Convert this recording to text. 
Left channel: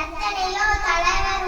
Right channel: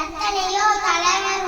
这里又传来